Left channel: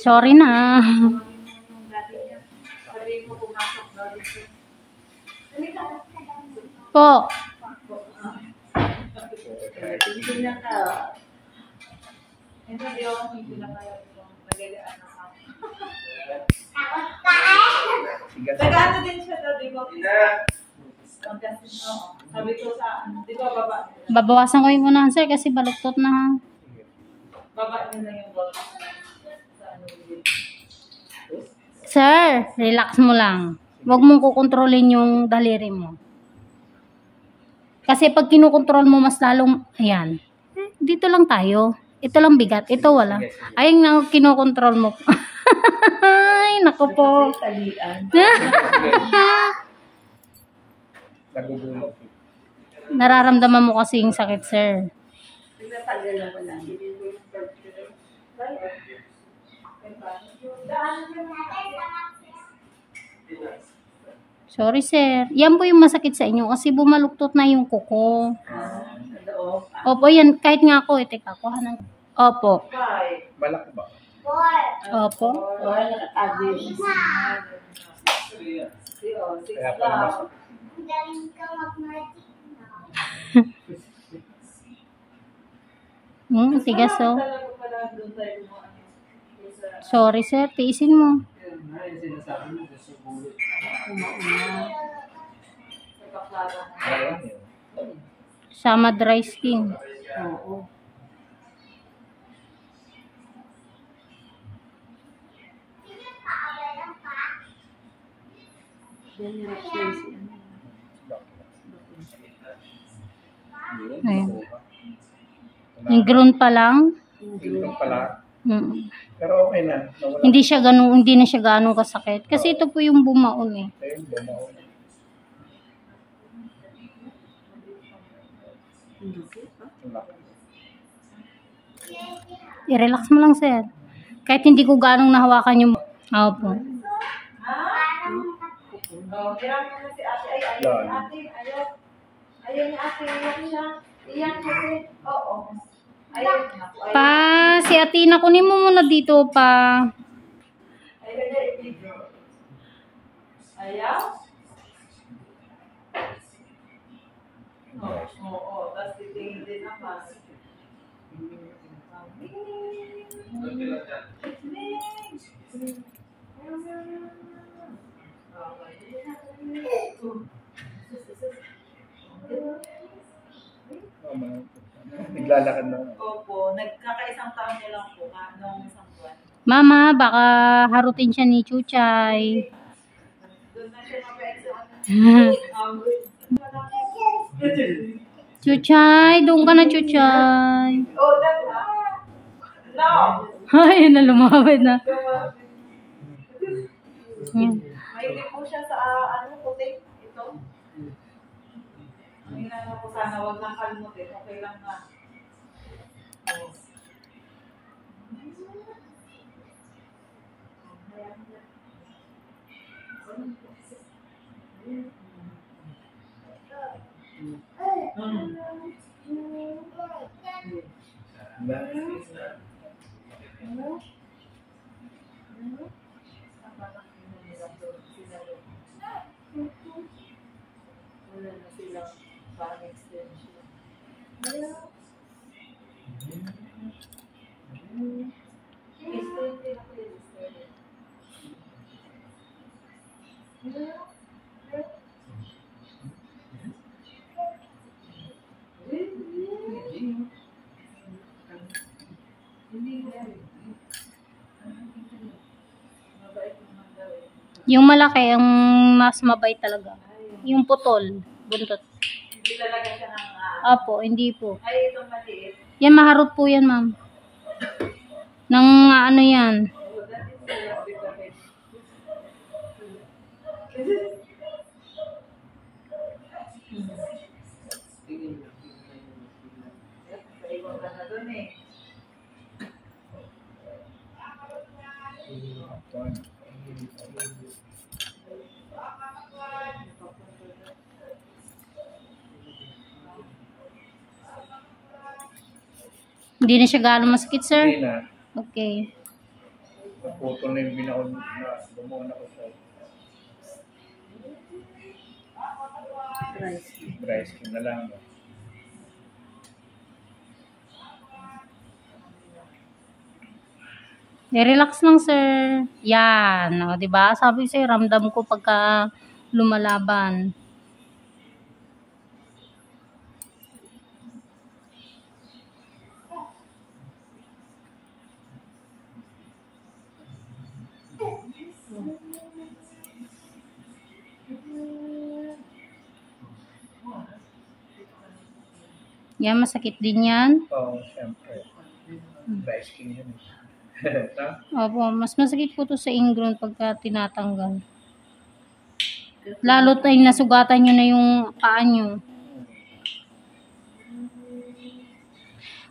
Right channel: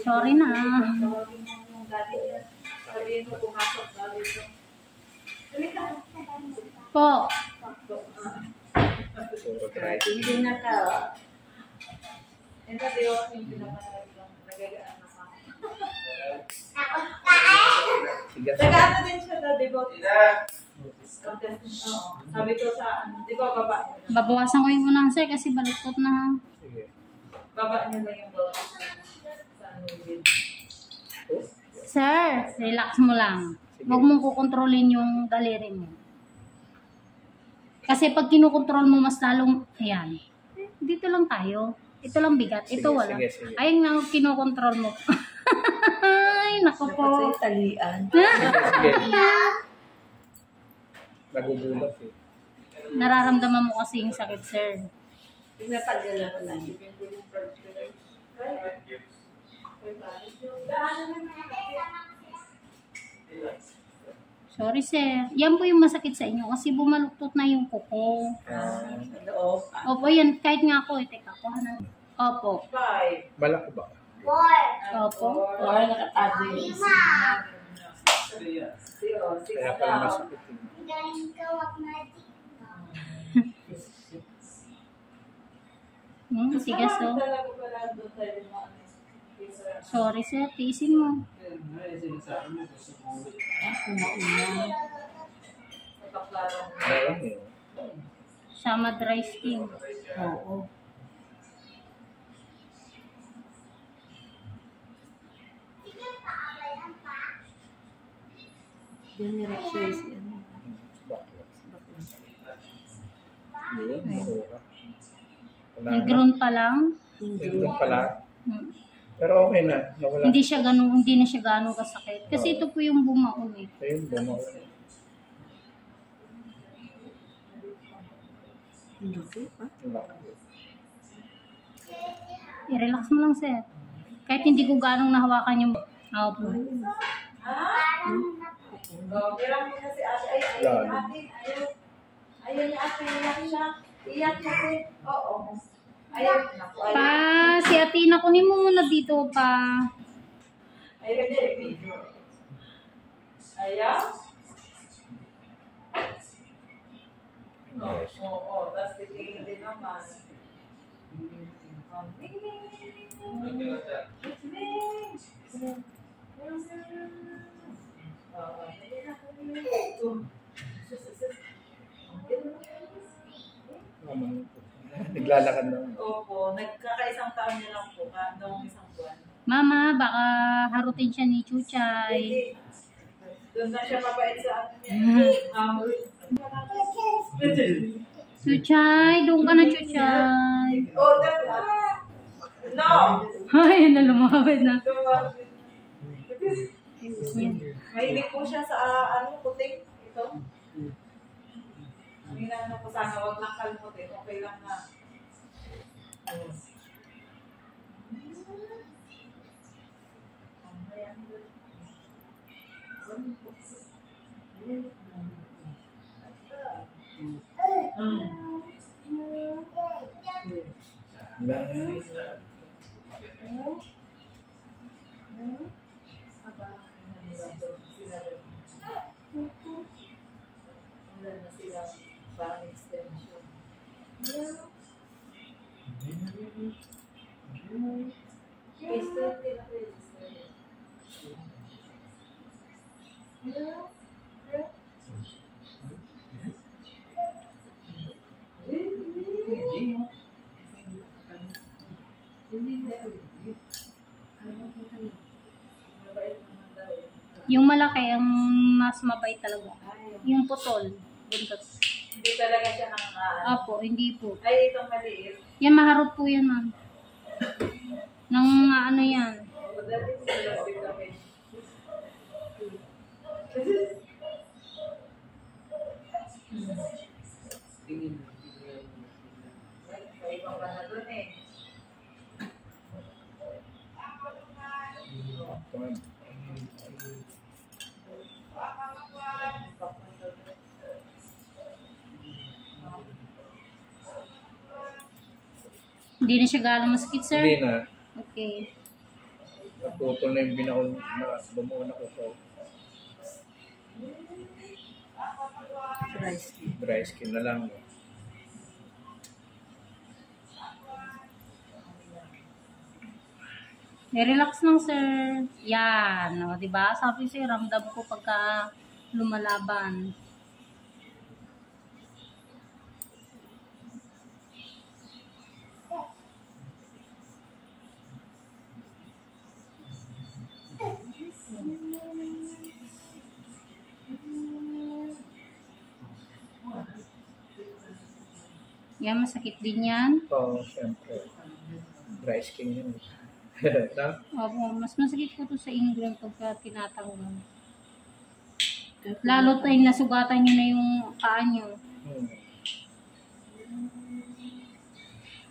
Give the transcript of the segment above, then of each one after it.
Sorry na. Po. Nag-ano din siya daw, di ba? Sabi ko sa, di ba, baba niya? Babawasan ko yung unahan, sir, kasi baluktot na. Ha? Baba niya lang yung bawat sa ano yun. Sir, relax mo lang. Huwag mong kukontrolin yung daliri mo. Kasi pag kinukontrol mo, mas lalong, ayan. Dito lang tayo. Ito lang bigat. Ito wala. Ayun na, kinukontrol mo. Ay, naku po. Nagugulat eh. Nararamdaman mo kasi yung sakit, sir. Sorry, sir. Yan po yung masakit sa inyo kasi bumaluktot na yung kuko. Opo, yan. Kahit nga ako, teka ko. Opo. Balak ko ba? Opo. Kaya pala masakit eh. Tigas oh. Sorry, sir. Tiisin mo. Ayun eh. Sama dry skin. Oo. Ayun. Yung grown pa lang. Yung pala. Pero okay na. Nawala. Hindi na siya ganun kasakit. Kasi ito po yung bumaon eh. Ayun, bumao. I-relax mo lang, sir. Kahit hindi ko ganong nahawakan yung... Opo. Hiram mo na si ate. Ay, ayaw ni ate. Ayaw ni ate. Iyak siya. Iyak kasi. Oo. Ayaw niya. Pa, si Atina, kunin mo muna dito pa. Ayaw niya i-video. Ayaw? Oo. Tapos titingin din naman. Naglalakad na. Opo, nagkakaisang taon niya lang po noong isang buwan. Mama, baka harutin siya ni Chuchay. Doon na siya mabait sa Chuchay, doon ka na, Chuchay. Oh, that's no! Ay, yun na, lumabit na. Mahilig po siya sa puting. Ito. Ang na po sana, wag lang kalmutin. Okay lang na. Yung malaki, ang mas mabait talaga. Yung putol, buntot. Hindi talaga siya ng Apo, hindi po. ay, itong maliit. Yan, maharot po yan, ma'am. Nang ano yan. Dati sila vitamin. Ibang ba na doon eh. Hindi na siya gaano masakit, sir? Hindi na. Okay. Naputol na yung binaon na bumuon ako sa dry skin na lang. Relax lang, sir. Yan. O, diba? Sabi sa'yo, ramdam ko pagka lumalaban. Yan, masakit din yan. Oo, syempre. Dry skin yun. Opo, mas masakit po to sa ingrown pagka tinatanggal. Lalo tayo nasugatan nyo na yung paa nyo.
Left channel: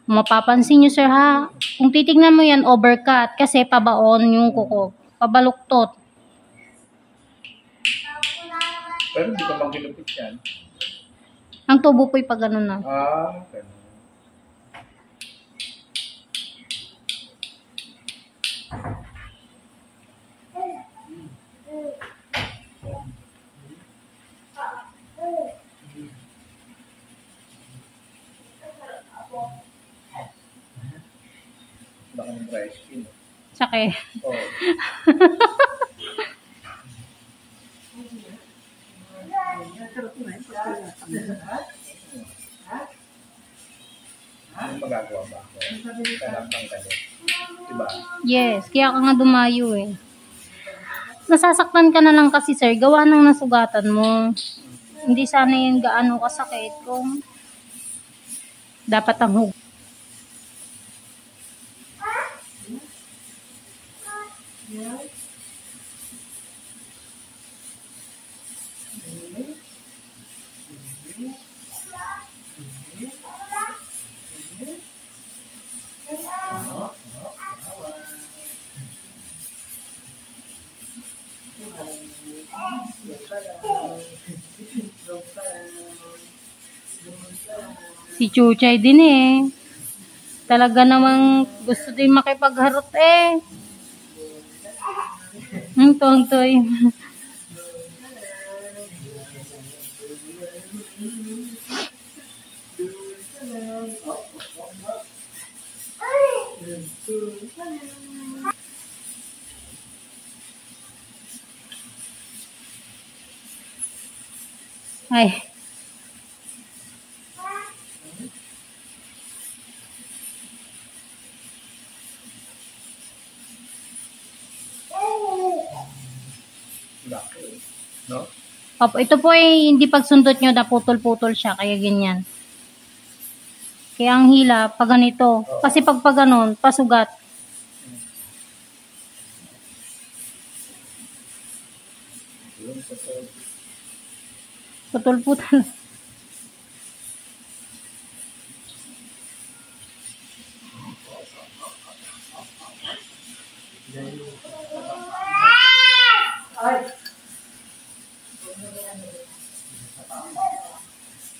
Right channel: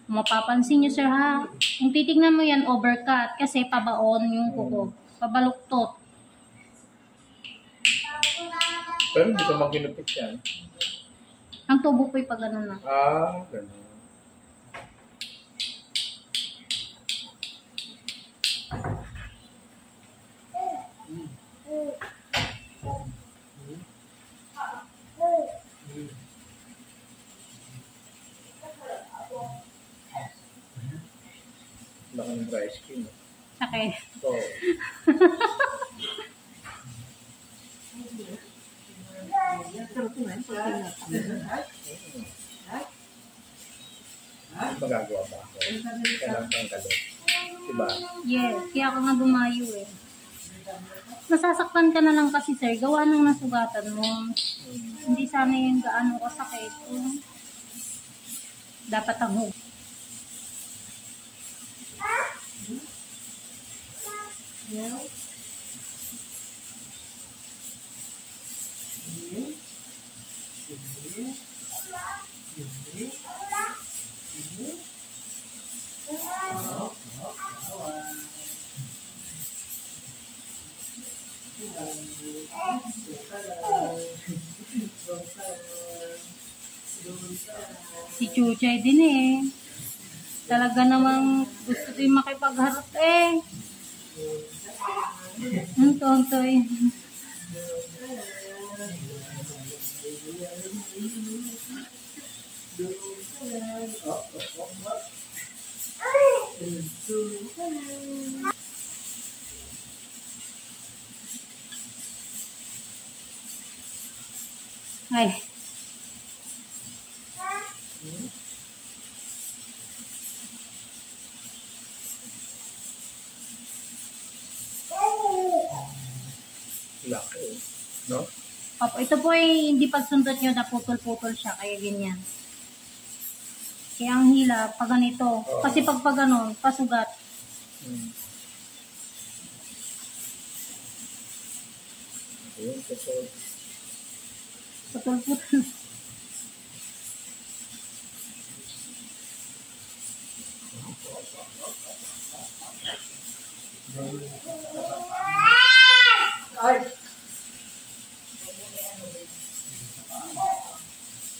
Mapapansin nyo, sir, ha? Kung titignan mo yan, overcut. Kasi pabaon yung kuko. Pabaluktot. Pero hindi ko maginupit yan. Ang tubo po'y pag ganun na. Ah, ganun. Laki ng dry skin. Sakit. Oo. Ano magagawa ba ako? Kailang panggalot. Diba? Yes, kaya ka nga dumayo eh. Nasasaktan ka na lang kasi, sir. Gawa ng nasugatan mo. Hindi sana yun gaano kasakit kung dapat ang hug. Si Chuchay din eh. Talaga namang gusto din makipagharot eh. Tuwang-tuwa. Ay. Laki. No? Opo, ito po ay hindi pagsundot nyo, naputol-putol siya, kaya ganyan. Kaya ang hila, pag ganito. Kasi pag ganon, pasugat. Yun, Putol-putol.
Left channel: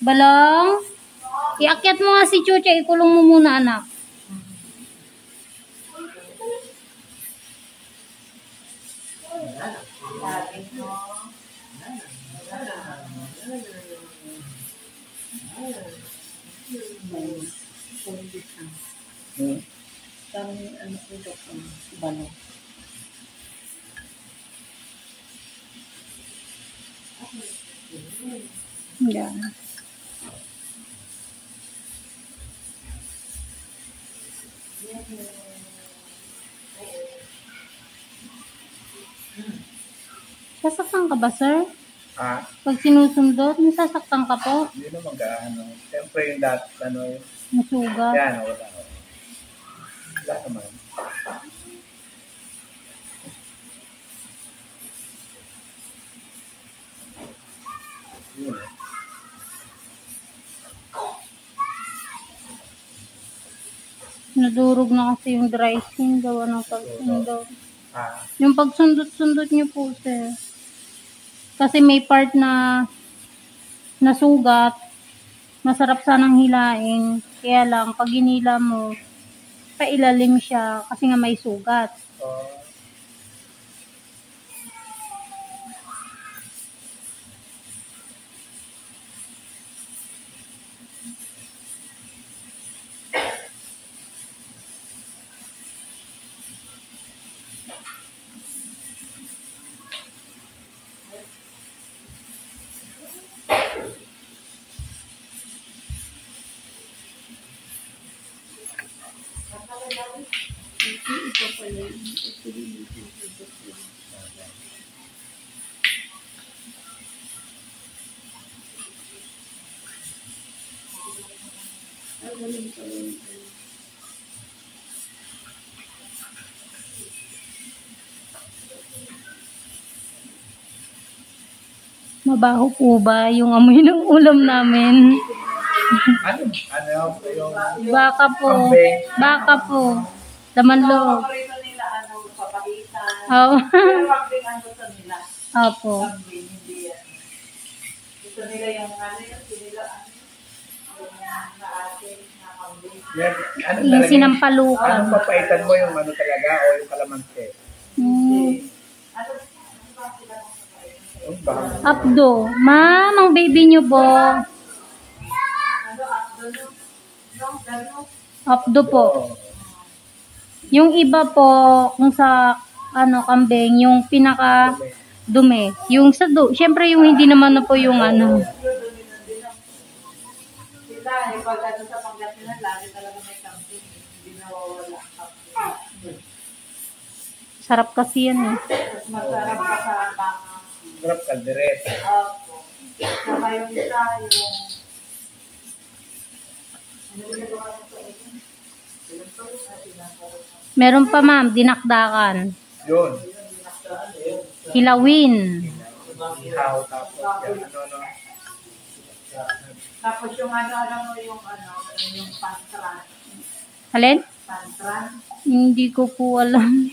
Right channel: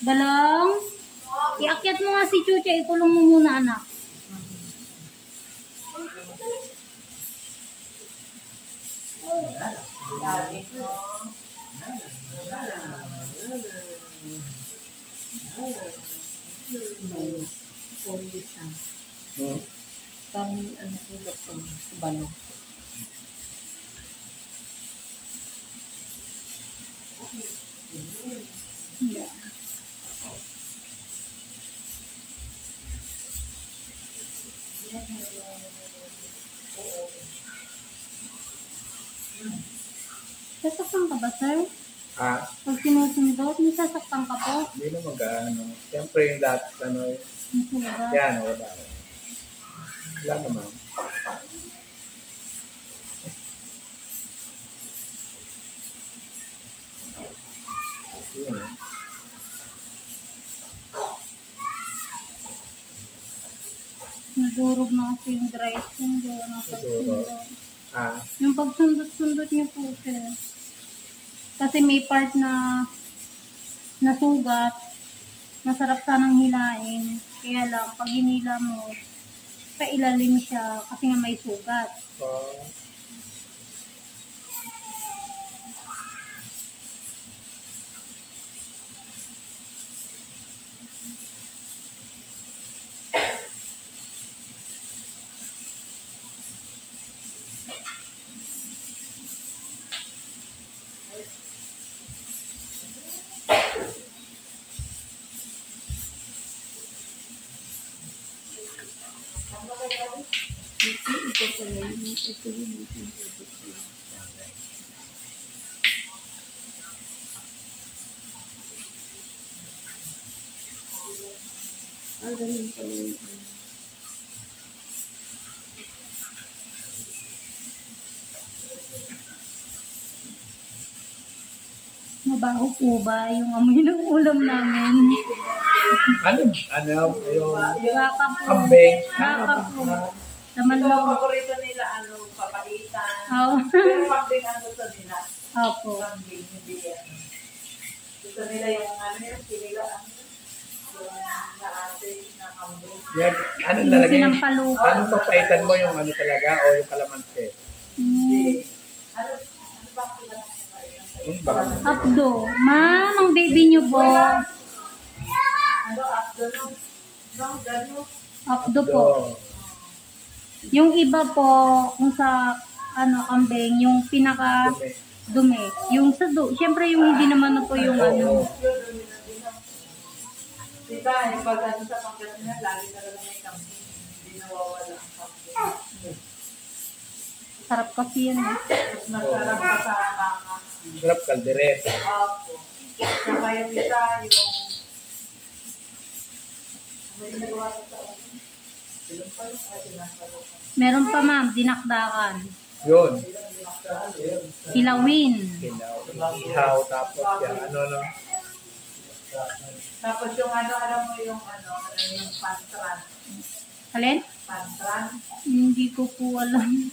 Balong, iakyat mo nga si Chucha, ikulong mo muna, anak. Kami ano po doktor Balong. Yan. Sasaktan ka ba, sir? Ah, Pag sinusundot, nasasaktan ka po? hindi na mag-ano. Siyempre yung lahat, ano, Nasugat. yan, wala. Wala naman. Yun. Nadurog na kasi yung dry skin, gawa ng pagsundot. Ah, Yung pagsundot-sundot niyo po, sir. Kasi may part na nasugat, masarap sanang hilain. Kaya lang, pag hinila mo, pailalim siya kasi nga may sugat. Oh. Mabaho po ba yung amoy ng ulam namin? Ano, yung Baka po. kambing. Baka po. Laman So, loob. paborito nila, papahitan. Oh. Pero kambing ang gusto nila. Opo. Kambing, hindi yan. Gusto nila yung yung sinigang, yung naate na kambing. Yan, ano Yung talaga? sinampalukan. Anong papaitan mo yung ano talaga o yung kalamansi? Ano bang pinapapaitan sa Yung baka. Abdo. Ma'am, ang baby niyo po. Abdo, no, gano. Abdo po. Yung iba po, kung sa kambing, yung pinaka dumi. Yung sa syempre yung hindi naman na po yung Diba, yung pag sa Pangasinan, lagi talaga may kambing. Hindi nawawala ang kambing. sarap kasi yan eh. Mas masarap pa sa baka. Sarap kaldereta. Opo. Saka yung isa, yung... Ano yung nagawa ko sa oven? Sinampalok at sinampalok. Meron pa ma'am, dinakdakan. Yun. Hilawin. Ihaw, tapos yan, ano. Tapos yung alam mo yung yung pantran. Alin? Pantran. Hindi ko po alam.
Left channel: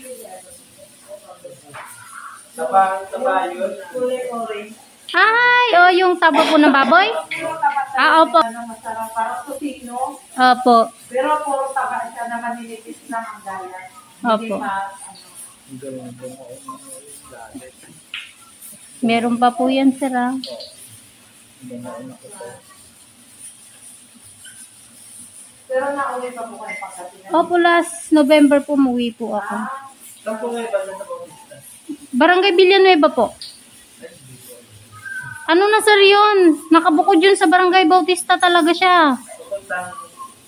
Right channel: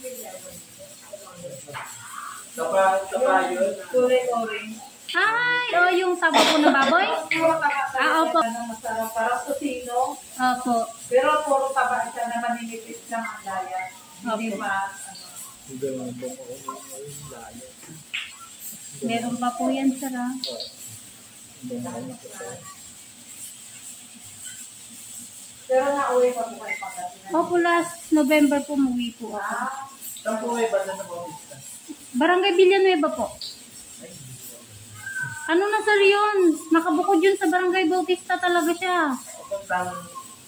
Tapa yun. Uri-uri. Ay, yung taba po ng baboy? Puro taba Opo. masarap. Parang tocino. Opo. Pero puro taba siya na maninipis lang ang gaya. Hindi Opo. Hindi lang bungo yung lalit. Meron pa po yan, sir. Ah. Pero nauwi pa po kayo Pangasinan. Opo, last November po umuwi po ako. Saan po ngayon ba sa Bautista? Barangay Villanueva po. Ano na sir yun? Nakabukod yun sa Barangay Bautista talaga siya.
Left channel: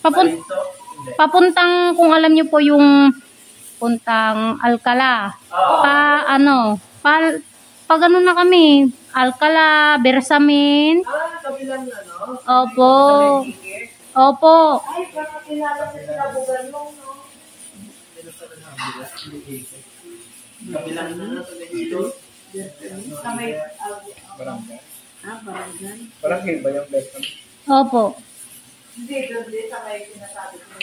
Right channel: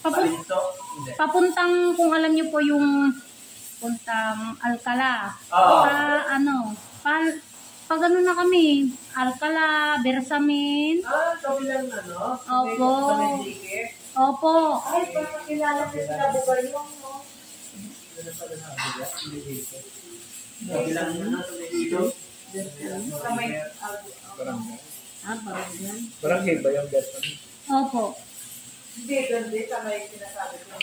Papuntang Papuntang, kung alam niyo po yung puntang Alcala. Pag ano na kami, Alcala, Bersamin. Kabilang na, no? Opo. Opo. Ay, baka kilala ko sila Bugalong, no? Kabilang na sa Medito. Sa may... Barangay. Barangay? Barangay ba yung best naman? Opo. Hindi, doon din sa may sinasabi ko.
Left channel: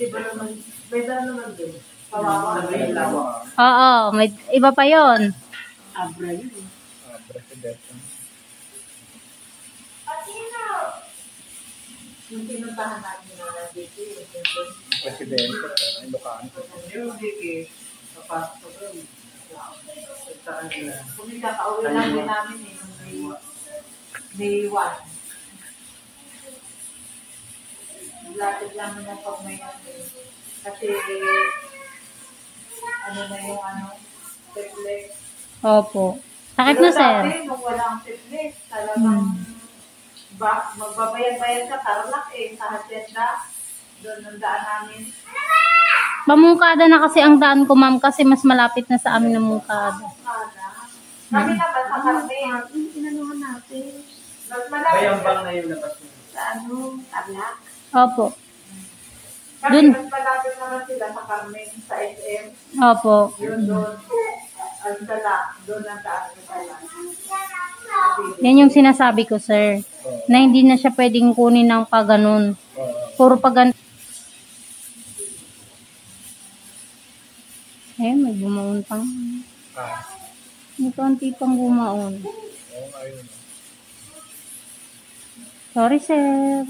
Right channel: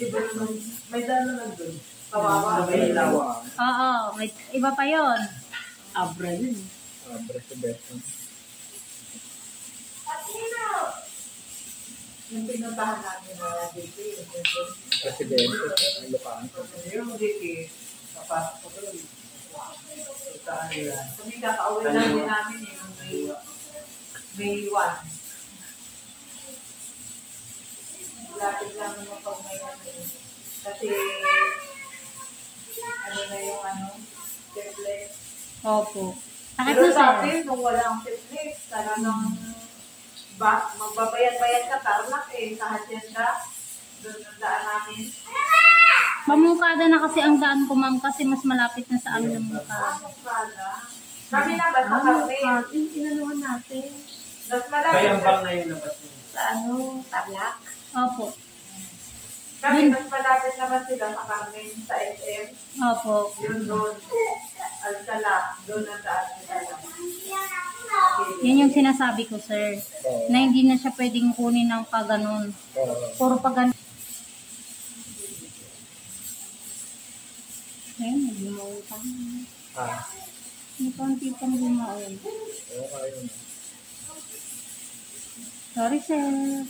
Iba naman, may daan naman doon. Kawawa. May lawa. Oo, may iba pa yon. Abra yun. Presidente. Yung pinuntahan natin na dito, yung doon. Presidente. Ilocano. Yung dito, papasok ko doon. Puntaan nila. Kung kakauwi lang din namin yung May 1. Lapit lang yung pag may kasi ano na yung triplex. Opo. Sakit na sir. Dati, nung walang triplex, talagang magbabayad-bayad ka, tarlak sa hacienda. Doon ang daan namin. Pamungkada na kasi ang daan ko ma'am kasi mas malapit na sa amin ng mungkada. Kami na ba sa Carmen? Inanuhan natin. Mas malapit Bayambang na yung labas niyo. Sa Tarlac. Opo. Kami mas malapit naman sila sa Carmen, sa SM. Opo. Yun doon. Alcala. Doon ang daan Alcala. Yan yung sinasabi ko sir. Na hindi na siya pwedeng kunin ng paganon. Puro pagan. Eh, may bumaon pang. May konti pang bumaon. Sorry, sir.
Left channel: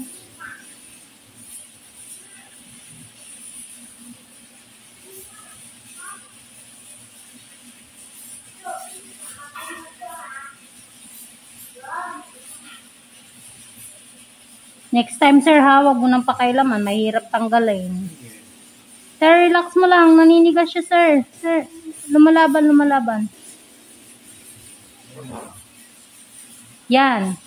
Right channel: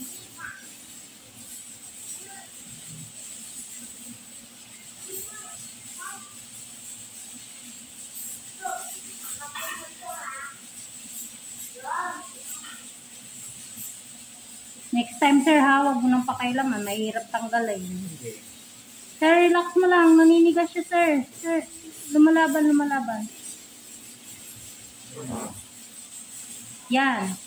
Next time, sir, ha, wag mo nang pakailaman. Mahirap tanggalin. Sige. Sir, relax mo lang. Naninigas siya, sir. Sir, lumalaban, lumalaban. Yan.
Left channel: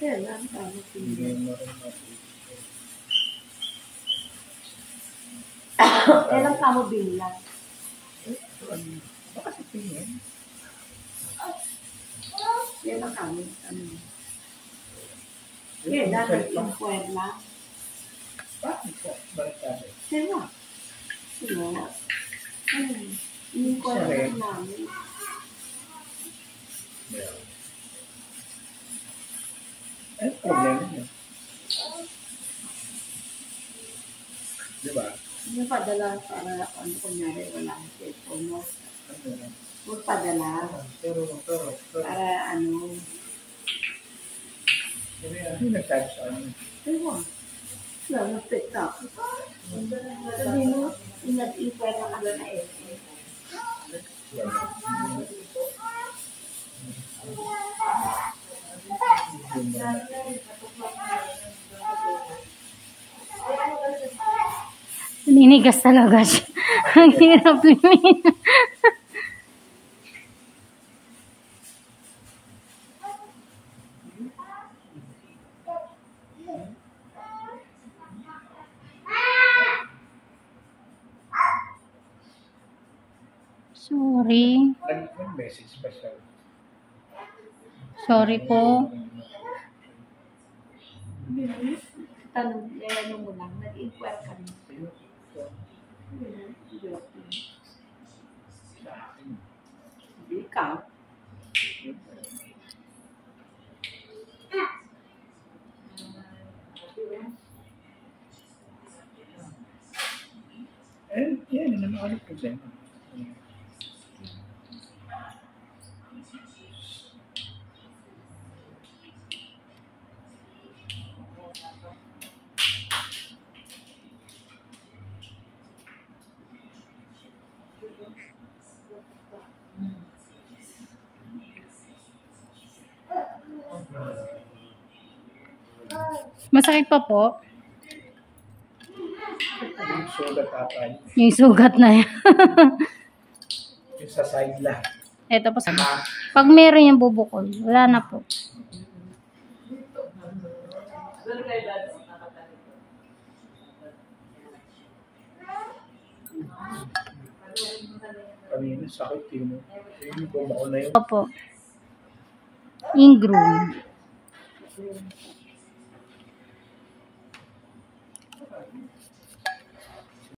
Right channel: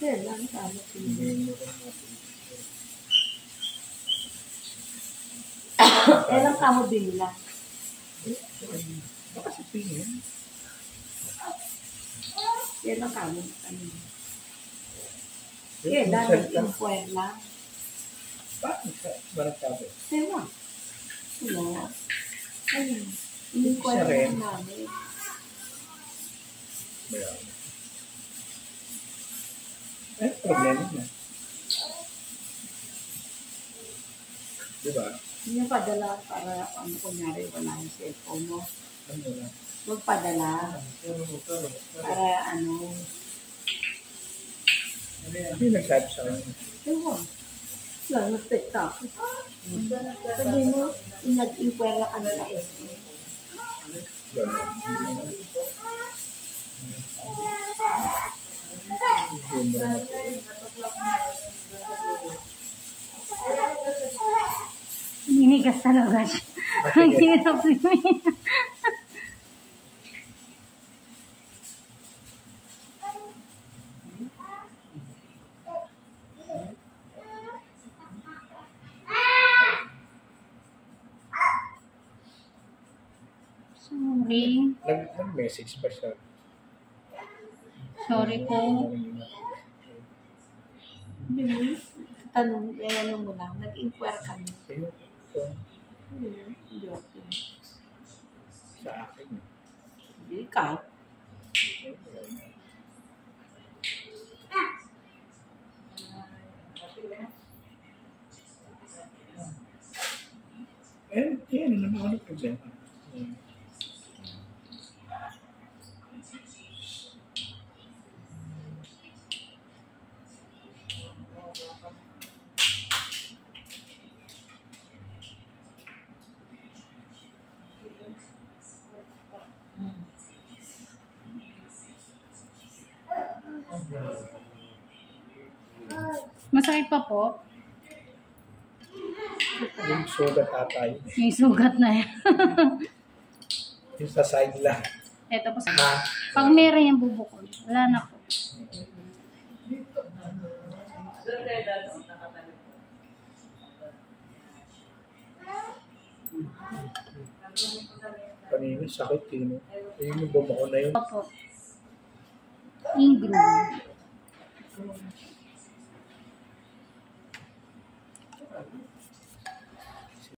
Kailan tama Hindi mo rin mapili. Kailan ka mo bilang? Baka si Pingin. Kailan ka mo ano? Kailan nag-inquire lang? Bakit sabi? Sino? Sino? In-inquire lang namin. Eh, problema niya. Diba? Yung padala para ano kunyari wala yung cellphone mo. Ano na? Magpadala Pero. para ano. Hindi nagsabi sa akin. Diba? Lang nag-tiktok. Sabi mo, nag-inquire lang ano na eh. Ninigas talaga siya. Ang hirap limin. Sorry. Nag-message pa siya. Sorry po. Tanong, ano mo lang, nag-inquire kami. Ayun, ito, Joke. sa akin. Hindi ka. Eh, yan naman ano problema. Masakit pa po. Yung sugat ata yun. Yung sugat na yan. Yung sa side lang. Eto po. Pag meron yung bubukol, wala na po. Kanina, sakit yun. Yun yung bumako na yun. Opo. Ingroom.